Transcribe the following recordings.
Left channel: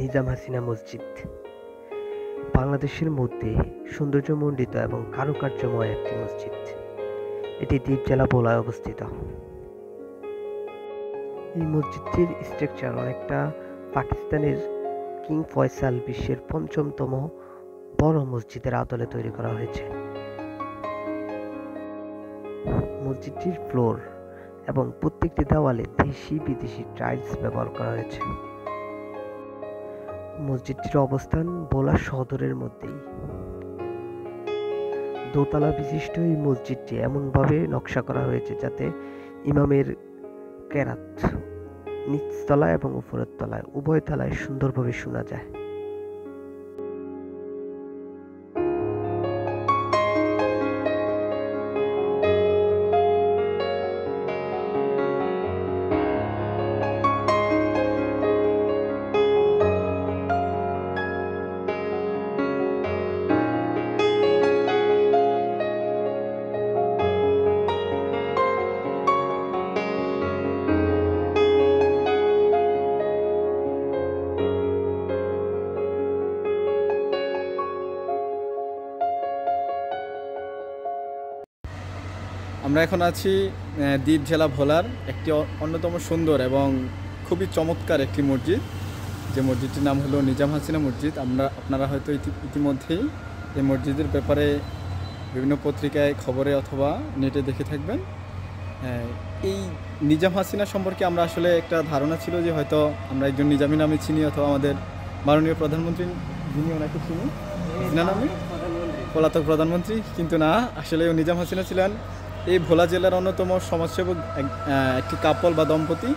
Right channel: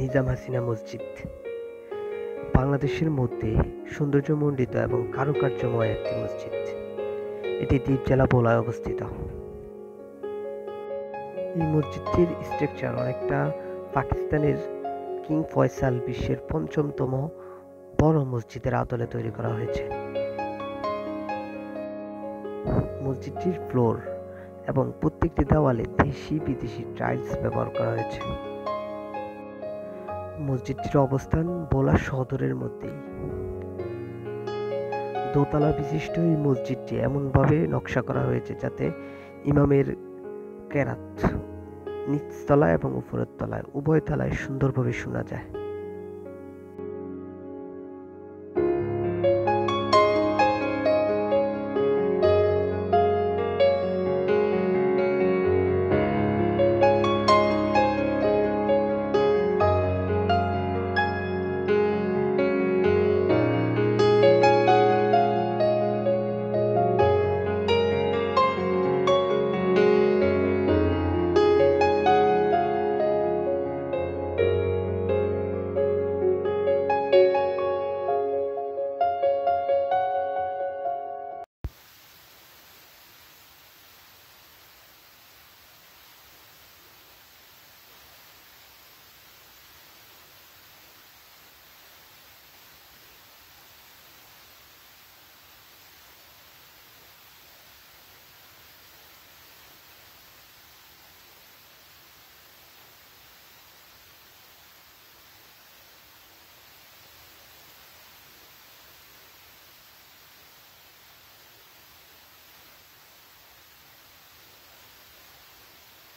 নিজাম হাসিনা মসজিদ বাংলাদেশের মধ্যে সৌন্দর্যমণ্ডিত এবং কারুকার্যময় একটি মসজিদ। এটি দ্বীপ জেলা ভোলায় অবস্থিত। এই মসজিদটির স্ট্রাকচার অনেকটা পাকিস্তানের কিং ফয়সাল বিশ্বের পঞ্চমতম বড় মসজিদের আদলে তৈরি করা হয়েছে। মসজিদটির ফ্লোর এবং প্রত্যেকটি দেওয়ালে দেশি বিদেশি টাইলস ব্যবহার করা হয়েছে। মসজিদটির অবস্থান ভোলা সদরের মধ্যেই। দোতলা বিশিষ্ট এই মসজিদটি এমনভাবে নকশা করা হয়েছে যাতে ইমামের কেরাত নিচতলায় এবং উপরের তলায় উভয় তলায় সুন্দরভাবে শোনা যায়। আমরা এখন আছি দ্বীপ জেলা ভোলার একটি অন্যতম সুন্দর এবং খুবই চমৎকার একটি মসজিদ, যে মসজিদটির নাম হলো নিজাম হাসিনা মসজিদ। আপনারা হয়তো ইতিমধ্যেই এই মসজিদের ব্যাপারে বিভিন্ন পত্রিকায়, খবরে অথবা নেটে দেখে থাকবেন। এই নিজাম হাসিনা সম্পর্কে আমরা আসলে একটা ধারণা ছিল যে হয়তো আমরা একজন নিজামী নামে চিনি, অথবা আমাদের মাননীয় প্রধানমন্ত্রী যিনি ওনাকে চিনি হাসিনা নামে, পলাতক প্রধানমন্ত্রী। কিন্তু না, আসলে নিজাম হাসিনা ছিলেন এই ভোলা জেলার অন্যতম সমাজসেবক একটি কাপল বা দম্পতি।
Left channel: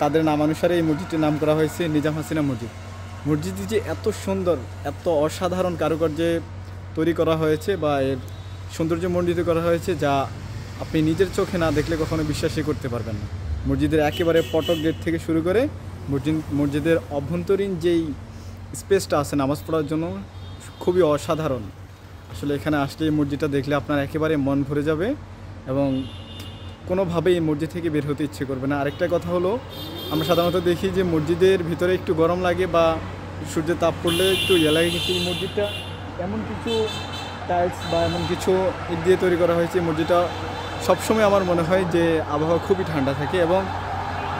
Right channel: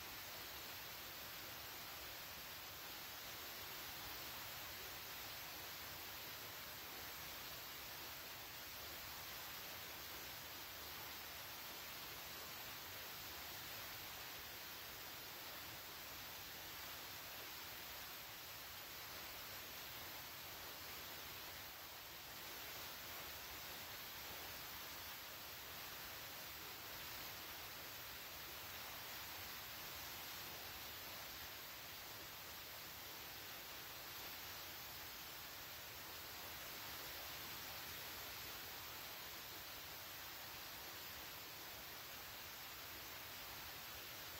তাদের নামানুসারে এই মসজিদটির নাম করা হয়েছে নিজাম হাসিনা মসজিদ। মসজিদটি যে এত সুন্দর, এত অসাধারণ কারুকার্যে তৈরি করা হয়েছে বা এর সৌন্দর্যমণ্ডিত করা হয়েছে, যা আপনি নিজের চোখে না দেখলে কখনো বিশ্বাসই করতে পারবেন না। মসজিদের একেবারে ফটক গেট থেকে শুরু করে মসজিদের অভ্যন্তরীণ যেই স্পেসটা আছে নামাজ পড়ার জন্য, খুবই অসাধারণ। আসলে এখানে আসলে এই মসজিদটা দেখলে আপনার একেবারে মন ভরে যাবে এবং কোনোভাবেই এই মসজিদ থেকে বের হতে ইচ্ছে করবে না। আরেকটা কথা হলো, আমরা সাধারণত দেখি যে মসজিদের ভিতরে একটু গরম লাগে বা সূর্যের তাপ পড়লে একটু লাগে, কিন্তু এই মসজিদটা এমন কিছু টাইলস বা এমন কিছু ইট দিয়ে তৈরি করা হয়েছে, এই মসজিদটা সবসময় আমার মনে হয় যে আবহাওয়া খুবই ঠান্ডা থাকে এবং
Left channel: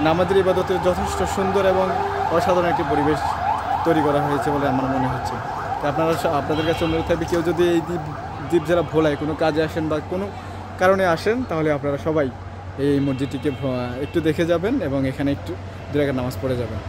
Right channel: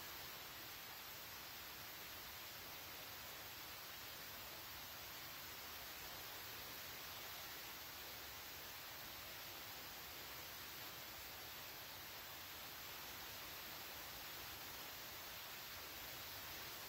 নামাজের ইবাদতের যথেষ্ট সুন্দর এবং অসাধারণ একটি পরিবেশ তৈরি করা হয়েছে বলে আমার মনে হচ্ছে। আপনাদের কাছে অনুরোধ থাকবে, কেউ যদি এই দ্বীপ জেলা ভোলায় কোনো কাজে আসেন বা কোনো কারণে আসেন, তাহলে আপনারা সবাই এই মসজিদটিকে একটু দেখে যাবেন এবং এখানে একটু 2 রাকাত নামাজ পড়ে যাবেন।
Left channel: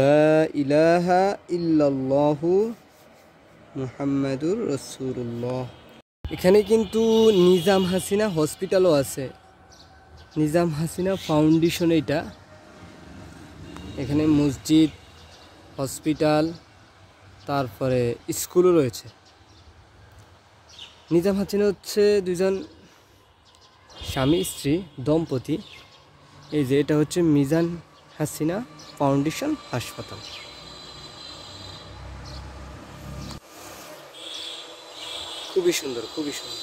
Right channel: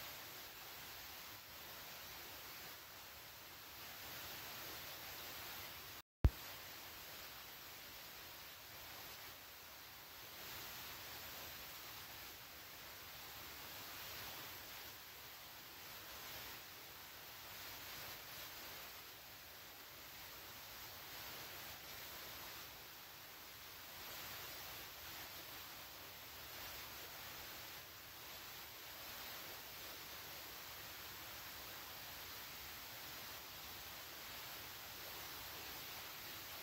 লা ইলাহা ইল্লাল্লাহু মুহাম্মাদুর রাসূলুল্লাহ। এখানে কিন্তু নিজাম হাসিনা হসপিটালও আছে, নিজাম হাসিনা ফাউন্ডেশন। এটা এখানে মসজিদ, হসপিটাল, তারপরে স্কুলও রয়েছে। নিজাম হাসিনা হচ্ছে 2জন স্বামী স্ত্রী দম্পতি। এই যে এটা হচ্ছে মিজান হাসিনা ফাউন্ডেশন হাসপাতাল। খুবই সুন্দর, খুবই সুন্দর।